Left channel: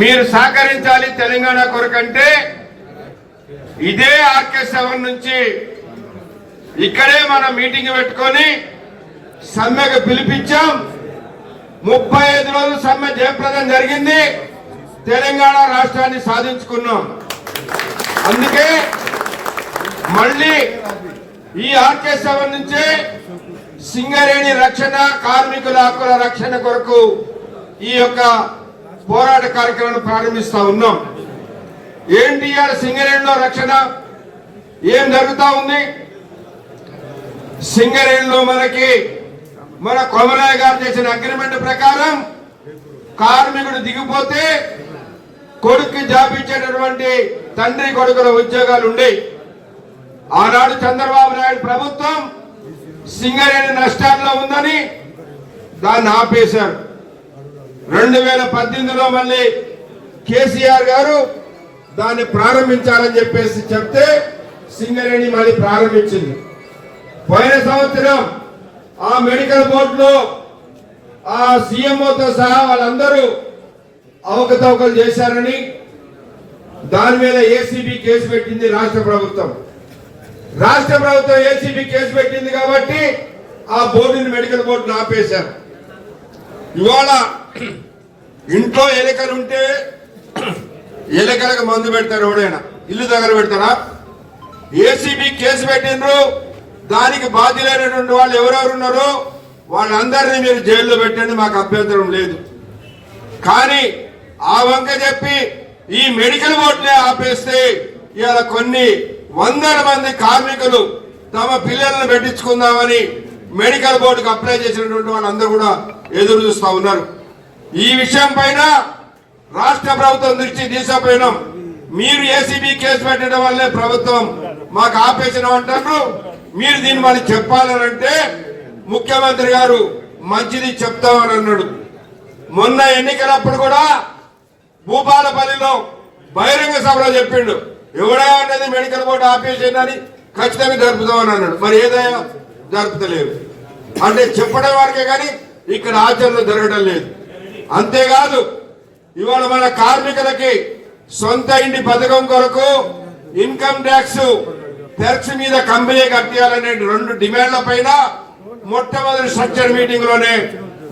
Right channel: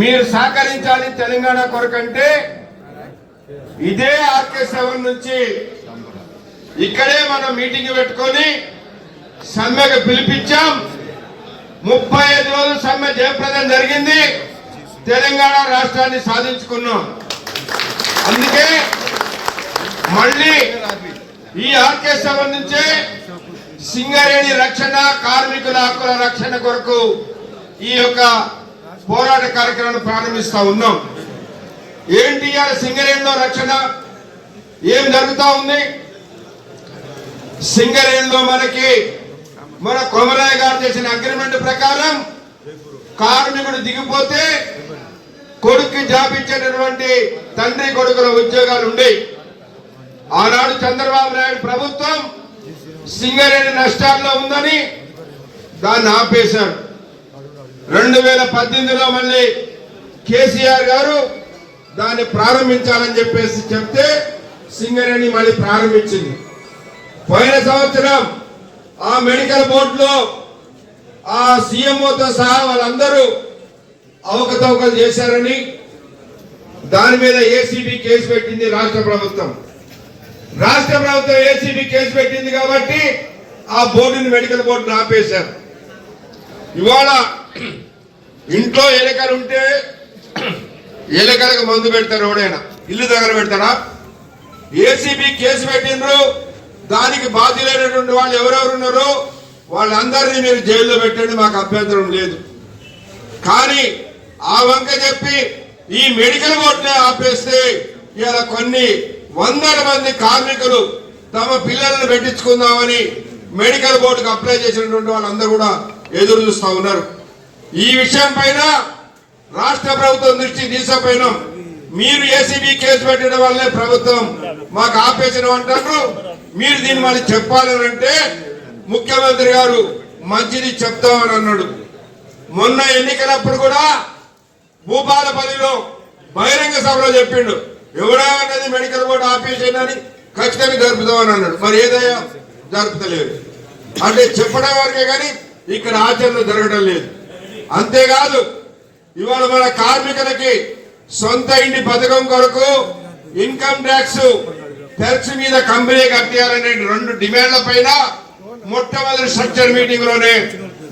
మీరు సహకరించాలి తెలంగాణ కొరకంటే ఇదే RK7 నుంచి ఇక్కడే మనం మీటింగ్ పెట్టుకొని సమ్మెకు పిలిపించాం. 35 రోజులు సమ్మె జయప్రదం జరిగింది. తెలంగాణ రాష్ట్రాన్ని సాధించుకున్నాం. అందుకే మళ్ళీ ఈ RK7 నుంచే సింగరేణి రక్షణ, కార్మికుల హక్కుల రక్షణ కొరకు ఈ యొక్క పోరాట కార్యక్రమాన్ని ప్రారంభిస్తా ఉన్నాం. ఏంటి ఇవాళ సింగరేణిలో రక్షణ ఏం జరుగుతా ఉంది? సింగరేణిలో మన కొమరయ్య గారు చేసిన అగ్రిమెంట్ ప్రకారం కార్మికుడు దిగిపోతే కొడుకు జాబ్ ఇచ్చేటటువంటి తండ్రి కొడుకుల ఉద్యోగాలు ఉండే. ఆనాడు చంద్రబాబు నాయుడు ప్రభుత్వం సింగరేణి నష్టాల్లో ఉందని దాన్ని ఆపేశారు. 2018లో మళ్ళీ కేసీఆర్ గారు దాన్ని ప్రారంభించాలని చెప్పేసి చెప్తే సింగరేణి మళ్ళీ ప్రారంభించింది. పోయిన సంవత్సరం ఆ మెడికల్ బోర్డులో ఆ సీఎంఓతో సహా వాళ్ళందరూ అవకతవకలు చేశారని దాని మీద ఏసీబీ కేసు పెట్టింది రాష్ట్ర ప్రభుత్వం. ఏసీబీ కేసు పెట్టింది కాబట్టి ఆ బోర్డుని మెడికల్ బోర్డుని ఆపేశారు. ఇవాళ ఇంట్లో ఎలుకలు ఉంటే ఎలుకలకు మందు పెడతారు. ఎవడైనా ఇల్లు దగ్గర పెడతారా? ఏసీబీ కేసు పెట్టిండ్రు. దానికి బాధ్యులైనటువంటి వాళ్ళు ఎవరెవరు ఉన్నారో వాళ్ళందరినీ మీరు జైల్లో పెట్టండి, మాకు అభ్యంతరం లేదు. కానీ ఆ వంక చెప్పి ఈ మెడికల్ బోర్డునే ఆపేస్తే ఇలా కొన్ని వందల మంది కార్మికులు తమ పిల్లలను పెట్టించుకుందామని మెడికల్ బోర్డుకు అప్లై చేసినటువంటి వాళ్ళందరూ కూడా ఎదురు చూస్తా ఉన్నారు. ఈ విషయం పైన రాష్ట్ర ప్రభుత్వం దృష్టి తీసుకుపోయినాం. మీరు ఏసీబీ కేసు పెట్టడం వల్లే ప్రభుత్వం మాకు ఆపేసిన అంటారు. మీరు దీన్ని మళ్ళీ చెప్పాలనంటే ముఖ్యమంత్రి గారు మంచిది చెప్తామని అన్నాడు. మొన్న ఎన్నికలప్పుడు కూడా భూపాలపల్లిలో బహిరంగ సభలో చెప్పిండు, ఎవడేమన్నది మెడికల్ బోర్డు ఆపేసేయని ఖచ్చితంగా జరుపుతామని అన్నాడు. మరి ఏదైనా జరుపుతలేదు అంటే చెప్పడం వరకే కానీ ఇక్కడ ఆచరణ జరగడం లేదు. అంతేకాదు ఇవాళ మన కార్మికులకి సొంత ఇంటి పథకం కొరకు ఇన్కమ్ ట్యాక్స్ మీద కంపెనీ కట్టాలనే 2 డిమాండ్ల పైన మొట్టమొదటి స్ట్రక్చర్ మీటింగ్ లోనే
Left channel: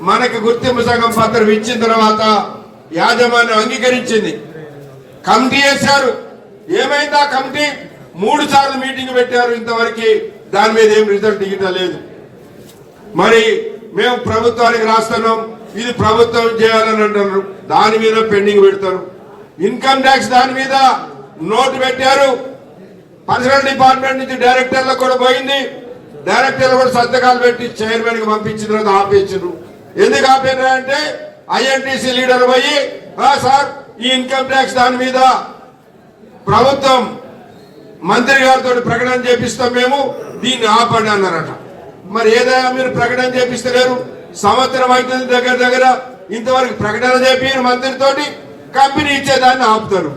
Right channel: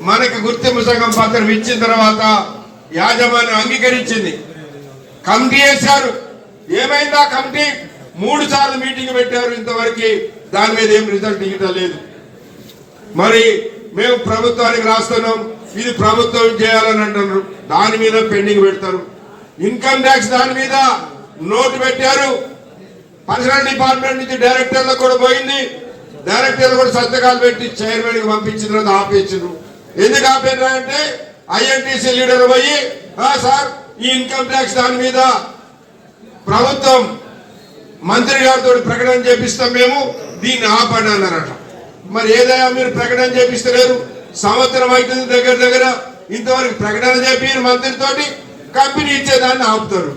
మనకు గుర్తింపు సంఘం పత్రం ఇచ్చిన తర్వాత యాజమాన్యం అంగీకరించింది. కమిటీ వేశారు. ఏమైందా కమిటీ? 3 సార్లు మీటింగ్ పెట్టారు. ఇంతవరకు దాని మీద ఏం రిజల్ట్ ఇవ్వడం లేదు. మరి మేము ప్రభుత్వానికి రాస్తున్నాం, ఇది ప్రభుత్వం చేయాలని అంటున్నారు. దాని మీద పెండింగ్ పెడతారు. ఇన్కమ్ ట్యాక్స్ దాని మీద నోటు పెట్టారు. పర్సనల్ డిపార్ట్మెంట్ నుంచి డైరెక్టర్లకు కూడా పోయింది. డైరెక్టర్లు కూడా సంతకాలు పెట్టి చైర్మన్ కి పంపించిన తర్వాత ఆపేసారు. ఎందుకు ఆపేరంటే ఐఎన్టీసీ లీడర్ పోయి సార్ ఈ ఇన్కమ్ ట్యాక్స్ దాని మీద ప్రభుత్వం మంత్రి గారితో ప్రకటన చేపిస్తాం, మేము దీన్ని ఆపండి అన్నారట. మరి ఏదైనా మీరు ప్రకటన చేపిస్తలేరు, సంవత్సరం అవుతుంది దగ్గర ఇంతవరకు ప్రకటన చేపి మంత్రితోటి కంపెనీ ఇచ్చేదాన్ని ఆపుతారు.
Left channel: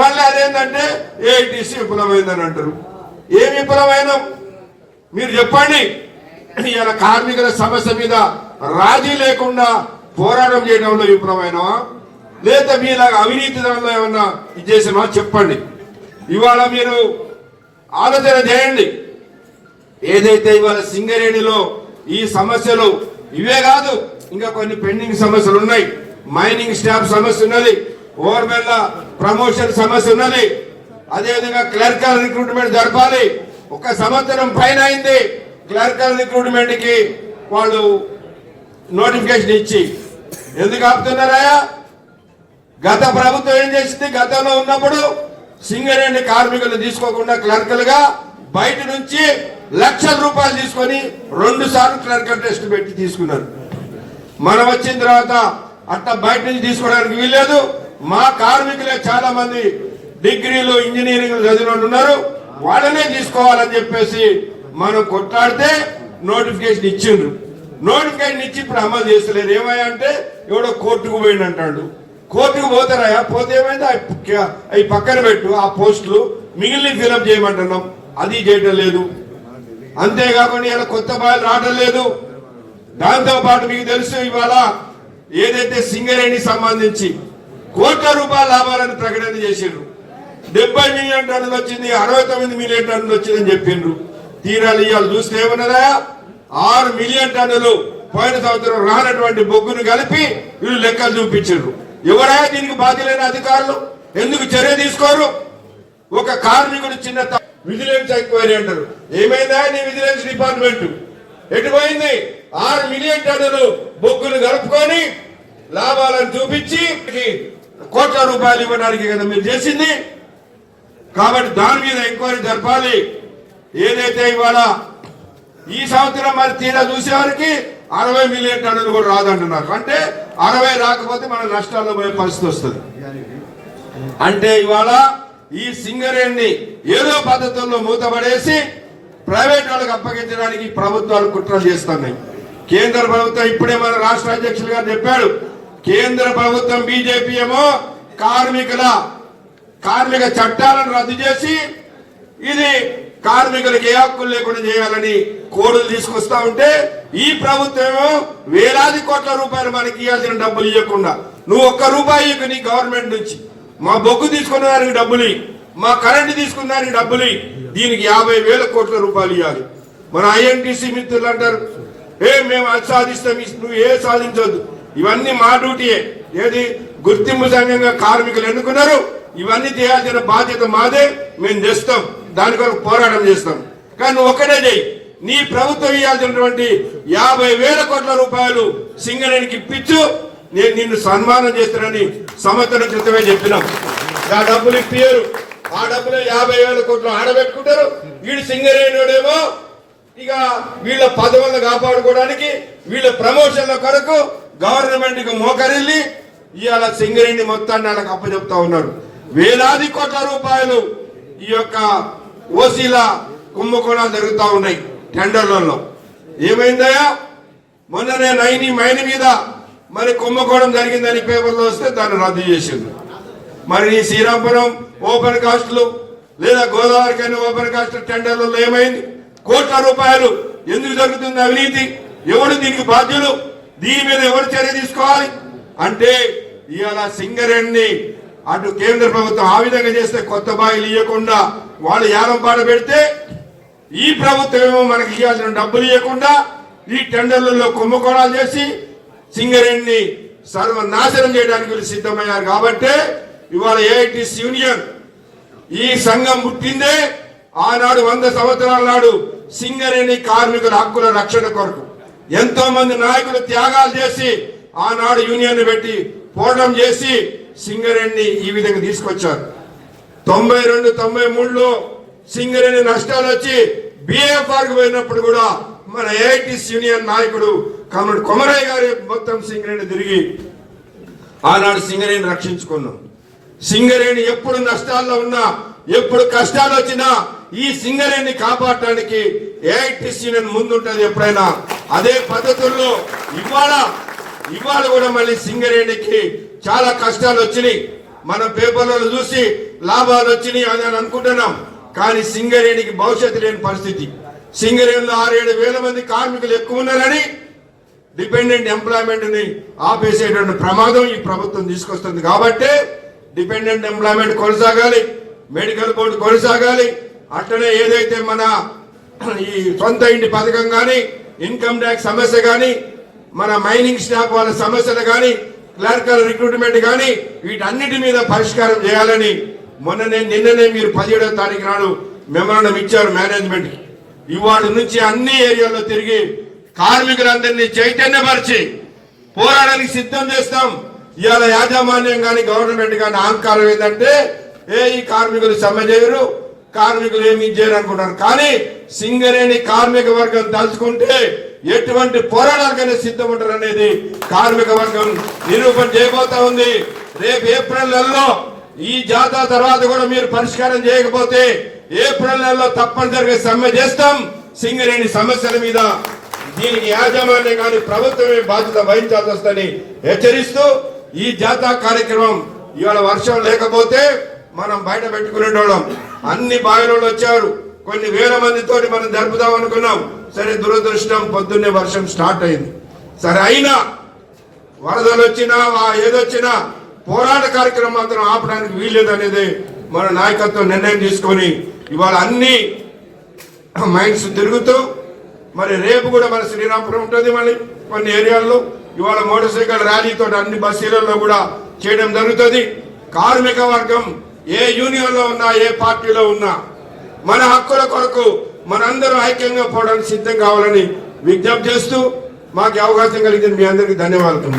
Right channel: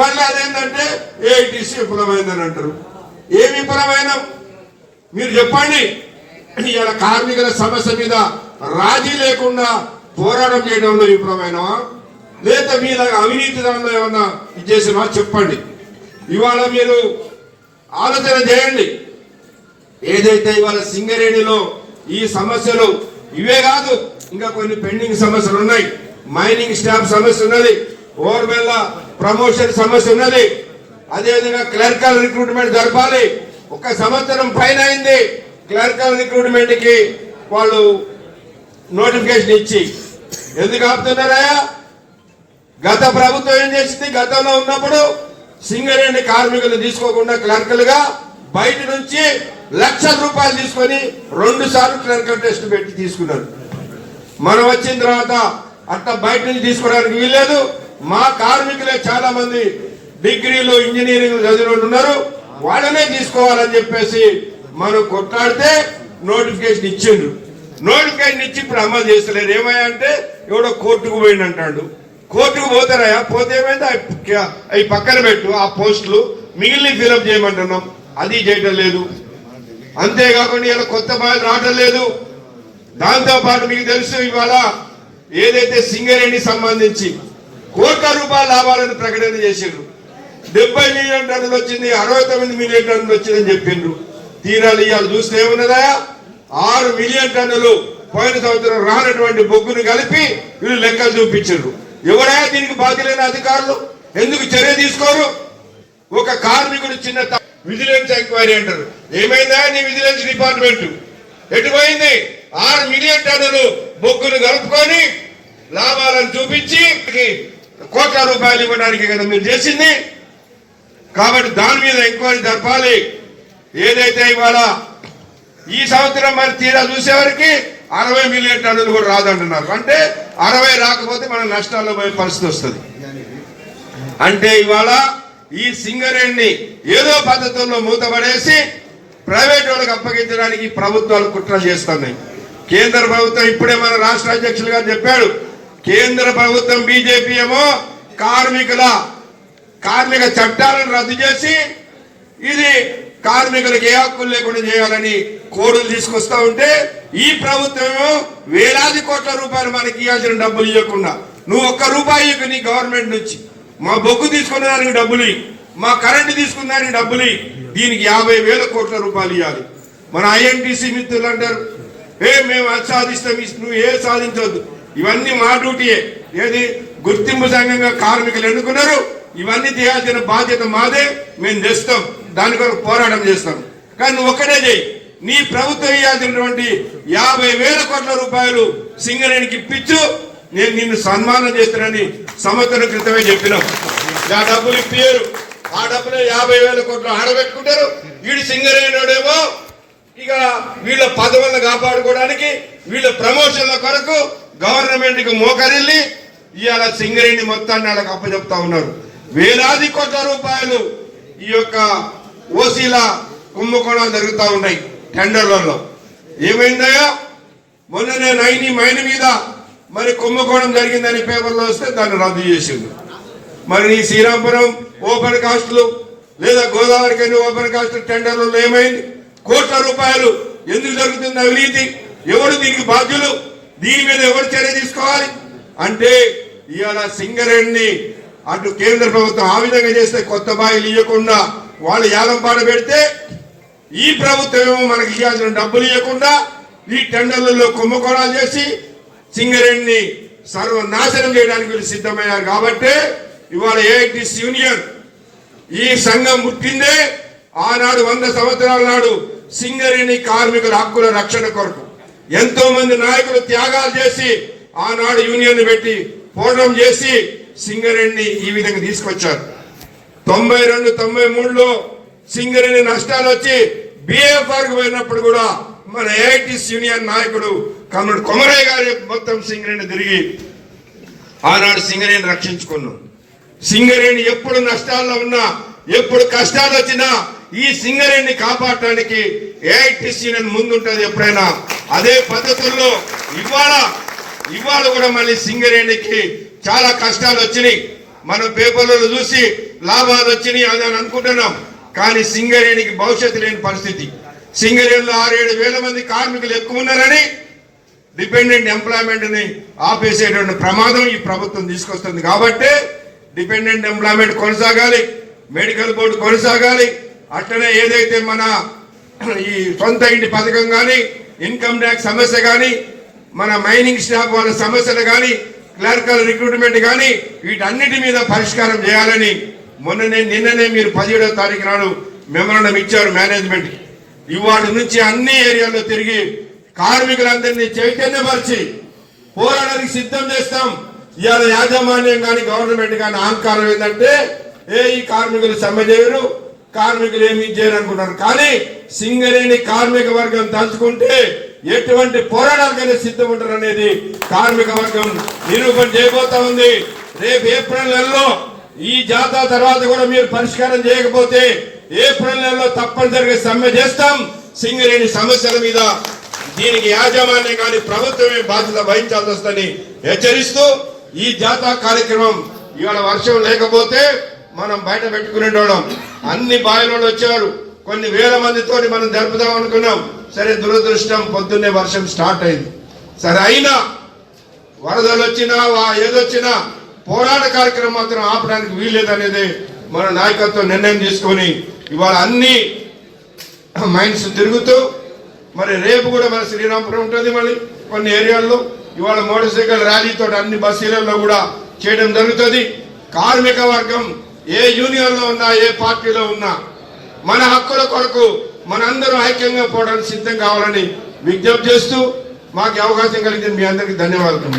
మళ్ళీ అదేంటంటే ఏఐటీసీ విఫలమైందని అంటారు. ఏ విఫలమైన మీరు చెప్పండి. ఇలా కార్మికుల సమస్య మీద రాజీ లేకుండా పోరాటం చేయడంలో విఫలమైనవా, లేదా మీలాగా అవినీతితనంలో ఏమన్నా ఇది చేసినవా చెప్పండి. ఇవాళ మీరు ఆలోచన చేయండి. ఏదైతే ఇవాళ సింగరేణిలో ఈ సమస్యలు ఇవే కాదు, ఇంకా కొన్ని పెండింగ్ సమస్యలు ఉన్నాయి. మైనింగ్ స్టాఫ్ సమస్య ఉన్నది, ఓవర్మెల్ల ప్రమోషన్ సమస్య ఉన్నది. అదేవిధంగా క్లర్కల్ రిక్రూట్మెంట్ జరపాలి. 1 సంవత్సరం పైన అయింది క్లర్కల్ రిక్రూట్మెంట్ కి వాళ్ళు నోటిఫికేషన్ ఇచ్చి. ఎందుకు ఆపుతున్నారా? గత ప్రభుత్వం ఏం చేసింది? గతంలో ఉన్నప్పుడు సింగరేణి కార్మికులు తీసుకోకుండా క్లర్కలుగా బయట నుంచి లక్షల రూపాయలు తీసుకొని 2 సార్లు క్లర్కల్ టెస్ట్ పెట్టి తీసుకున్నారు. మనం వచ్చిన తర్వాత అట్లా బయట నుంచి తీసుకోవడానికి వీల్లేదు. మా కార్మికులే చాలా మంది డిగ్రీలు ఇంజనీరింగ్ చదివిన ఉన్నారు, వాళ్ళనే తీసుకోవాలని చెప్పేసి మనం కొట్లాడితే నోటిఫికేషన్ ఇచ్చిండ్రు. నోటిఫికేషన్ ఇచ్చి ఇప్పుడు అమలు చేస్తలేరు. ఏమయ్యా అంటే ఎవడో కోర్టుకు పోయింది అంటాడు. కోర్టుకు పోతారా? పోతే ఏమైంది? అవి పక్కన పెట్టు, ఆ పోస్టులు మిగిలిన ఫిలప్ చేయమంటున్నాం, అది చేయటం లేదు. అంతేకాకుండా ఇలా కొత్త బాయలు రావడం లేదు. దాంతో పాటు మీకు తెలుసు ఇవాళ ఏదైతే సింగరేణి సంబంధించి కోట్ల రూపాయల లాభాలను ప్రకటన చేసిండ్రు. 70 మిలియన్ టన్నులు వచ్చింది, 69 మిలియన్ టన్నులు వచ్చిందని చెప్పిండ్రు. తీరాలు ఇవాళ చూస్తే ఏమన్నదా 6 మిలియన్ టన్నులు పోయిన సంవత్సరం రానటువంటి బొగ్గును కలిపి వీళ్ళు లెక్కలు చూపించారు. ఎవరా దీనికి బాధ్యులైన అధికారులు? ఎందుకు చర్య తీసుకోరు? ఒక కార్మికుడు చిన్న విజిలెన్స్ ఎంక్వైరీ అంటారు. ఏమైందా నీ విజిలెన్స్ డిపార్ట్మెంట్? ఎటుపోయింది? 6 మిలియన్ టన్నులు బొగ్గును కలుపుకొని లాభాలను చూపించి కోట్ల రూపాయలు ఇవ్వడానికి కదా మీరు చేసింది. కాబట్టి దాని మీద ఎంక్వైరీ జరపాలి. ఏదైతే ఇవాళ ఈ సంవత్సరం మరి తీరా చూసేవారికి 60 మిలియన్ టన్నులు కూడా రాదంటున్నారు. అంటే 60 రాకపోతే మన నష్టాల్లో పోయే పరిస్థితి వస్తుంది. అంటే ఇవాళ ఈ సింగరేణిని ఏదో పద్ధతుల్లో మూతపడేసి ప్రైవేట్ వాళ్ళకి అప్పగించడానికి ప్రభుత్వాలు కుట్రలు చేస్తున్నాయి. కేంద్ర ప్రభుత్వం ఇప్పుడే మన రాష్ట్ర అధ్యక్షులు గారు చెప్పాడు. కేంద్ర ప్రభుత్వం బీజేపీ ఏమో కార్మిక చట్టాలను రద్దు చేసి ఇది కార్మికులకు ఏ హక్కులు లేకుండా చేయాలని కోడులు తీసుకొస్తా ఉంటే ఈ ప్రభుత్వమేమో వేలాది కోట్ల రూపాయలు మనకి ఇవ్వాల్సిన డబ్బులు ఇవ్వకుండా నువ్వు ₹1 నీ గవర్నమెంట్ నుంచి మా బొగ్గు తీసుకునే దానికి డబ్బులు, మా కరెంటు తీసుకునే దానికి డబ్బులు, దీనికి 50,000 కోట్ల రూపాయలు ఇవ్వాలి. మన ఐఎన్టీసీ మిత్రులు అంటారు మేము అది సాధిస్తాం, నువ్వు ఏ సాధించవద్దు, ఇవన్నీ మా డ్యూటీయే. ఏది గుర్తింపు సంఘంగా కార్మికులు ఎన్నుకున్నారు, ఇవన్నీ చేయాల్సిన బాధ్యత మాదే, మేము తెస్తాం, దాని కొరకు పోరాటం చేస్తాం. కానీ నువ్వు ఒక్కటే చేయి, నీ ప్రభుత్వం ఇవ్వాల్సినటువంటి 50,000 కోట్ల రూపాయలు సింగరేణికి ఇప్పించు, నేను నిన్ను సన్మానం చేస్తానని సంవత్సరం క్రితమే చెప్పినాం. ఆ డబ్బులు ఇప్పారు, ఆ డబ్బులు 50,000 కోట్లు ఆడబెట్టుకుంటారు. వీడి సింగరేణుడేమో ఇక వీళ్ళ పదవులను కాపాడుకోవడానికి వీళ్ళ ప్రమోషన్ల కొరకు గవర్నమెంట్ కి మోకరిల్లి ఇవాళ సింగరేణి మొత్తాన్ని వాళ్ళకి అప్పచెప్తా ఉన్నారు. వేలాది కోట్ల రూపాయలు ఈ యొక్క ఓసీల కుంభకోణాలు జరుగుతూ ఉన్నాయి టెండర్లలో. ఏమైందయా మొన్ననే నైని మైన్ మీద మరి కుంభకోణం జరిగిందని పేపర్లో వస్తే దాన్ని రద్దు చేసింది. మరి ఈ శ్రీరాంపురం ఓపెన్ కాస్టులు లేదా గోదావరికైనా ఓపెన్ కాస్ట్ టెండర్లలో ఏమైంది? కోట్ల రూపాయలు ఎందుకు జరుగుతుంది అవినీతి? ఎవరు దీనికి బాధ్యులు? దీని మీద ఎవరు చర్య తీసుకోవాలి? అంటే ఇవాళ సింగరేణిని అటు కేంద్ర ప్రభుత్వం ఆ విధంగా చేస్తే కొత్త బాయిలు ఇవ్వకుండా వాళ్ళు యాలం పాట పెడితే ఈ ప్రభుత్వం ఏమో మనకి ఇవ్వాల్సిన డబ్బులు ఇవ్వకుండా ఈ టెండర్లలో కుంభకోణాలు చేసి సింగరేణిని సర్వనాశనం చేయడానికి వీళ్ళు సిద్ధమయ్యారు. కాబట్టి ఇవాళ ఏఐటీసీ యూనియన్ ఈ సంఘం పుట్టిందే ఆనాడు 100 సంవత్సరాల నాడు సింగరేణి కార్మికుల హక్కుల రక్షణ కొరకు ఎంతో మంది నాయకులు త్యాగాలు చేసి ఆనాడు యూనియన్ పెట్టి పోరాటం చేసి సింగరేణిని ఈ విధంగా తీసుకొచ్చారు. 92, 93లో సింగరేణి నష్టాలు వచ్చి బిఎఫ్ఆర్ కు పోయినప్పుడు కూడా మన ఏఐటీసీ యూనియన్ నాయకుడు కమ్రేడ్ కొమరయ్య గారి మొత్తం సింగరేణి తిరిగి ఆనాడు సింగరేణి రక్షించుకున్నాం. సింగరేణి ఎప్పుడు నష్టాల్లో ఉన్నా, ఎప్పుడు కష్టాలు వచ్చినా ఈ సింగరేణిని కాపాడటానికి ఏఐటీసీ యూనియన్ ముందుంటది ఎప్పుడైనా. అదే పద్ధతుల్లో ఇవాళ కూడా మళ్ళీ సింగరేణికి చాలా కష్టాలు వచ్చినాయి. మన పేపర్లలో చూసి లాభాలు వచ్చినాయి అని అనుకుంటున్నాం. కానీ సింగరేణికి భవిష్యత్తు లేని పరిస్థితి. సింగరేణిలో 6-7 వేల మంది కార్మికులు ఎక్కువ ఉన్నారని డిపెండెంట్ ఎంప్లాయ్మెంట్ ని ఆపేసేటువంటి ప్రమాదం ఈ ప్రభుత్వం తీసుకొస్తుంది. కాబట్టి డిపెండెంట్ ఎంప్లాయ్మెంట్ కొనసాగాలి, మెడికల్ బోర్డు కొనసాగాలి. అట్లనే ఏదైతే మన ఈ సొంత ఇంటి పథకం కానీ, ఇన్కమ్ ట్యాక్స్ సమస్య కానీ, మన మైనింగ్ స్టాఫ్ వాళ్ళ సమస్యలు కానీ, క్లర్కల్ రిక్రూట్మెంట్ కానీ వీటన్నిటి మీద పరిష్కారం చేయాలని నిన్ననే మీరు 17వ తారీఖు నాడు మెమరాండం ఇచ్చారు మేనేజ్మెంట్. ఇవాళ నుంచి అన్ని ఏరియాల్లో తిరిగి కార్మికులందరినీ చైతన్యపరిచి పోరాడానికి సిద్ధం చేస్తాం. ఇవాళ యాజమాన్యం కానీ గవర్నమెంట్ కానీ అహంకారం ఏంటంటే ఈ కార్మికులు సమ్మె చేయరు, కార్మికులు ఏమి చేయరు అనుకుంటారు. కానీ సింగరేణి కార్మిక వర్గం తలుచుకుంటే ఎటువంటి పోరాటాలకైనా సిద్ధం ఉంటారు అనేది కార్మిక వర్గం నిరూపణ చేయబోతా ఉంది. రేపు ఏప్రిల్ నెలలో ఈ జాతర తర్వాత కూడా మీరు పరిష్కారం చేయకపోతే ఏప్రిల్ నెలలో తప్పనిసరిగా సమ్మె చేస్తాం సింగరేణి సమస్యల మీద. దీనికి యాజమాన్యం కానీ ప్రభుత్వమే బాధ్యత వహించాల్సి వస్తుందని హెచ్చరిస్తూ ఈ జాతర కార్యక్రమం ఇవాళ వర్షం లేకపోతే మనం బయట పెట్టుకునేటోళ్ళం. అన్ని బాయిలో వచ్చారు, కొన్ని వేల మందితో మనం జరుపుదాం అనుకున్నాం. సరే, దురదృష్టం పొద్దున్నే వర్షం స్టార్ట్ అయింది. సరే, అయినా వరదలు వచ్చినా ఏదొచ్చినా పోరాట కార్యక్రమం మాత్రం ఆపడానికి వీల్లేదనేది మన నాయకత్వం నిర్ణయం తీసుకొని ఇవాళ అన్ని మైండ్స్ తిరుగుతూ మరి రేపు కూడా మన శ్రీరాంపురం ఉంటుంది. మళ్ళీ కొన్ని ఏరియాల్లో ఇవాళ మోటార్ సైకిల్ ర్యాలీతో అన్ని బస్సులలో కూడా చేయడం జరుగుతుంది. కార్మిక వర్గం ఏ యూనియన్ లో ఉన్నా, ఏ పార్టీలో ఉన్నా మన హక్కుల కొరకు మనందరం ఐక్యంగా పోవడానికి సిద్ధం కావాలని విజ్ఞప్తి చేస్తూ మాకు అవకాశం కలిగింది. మీ అందరికీ ధన్యవాదాలు.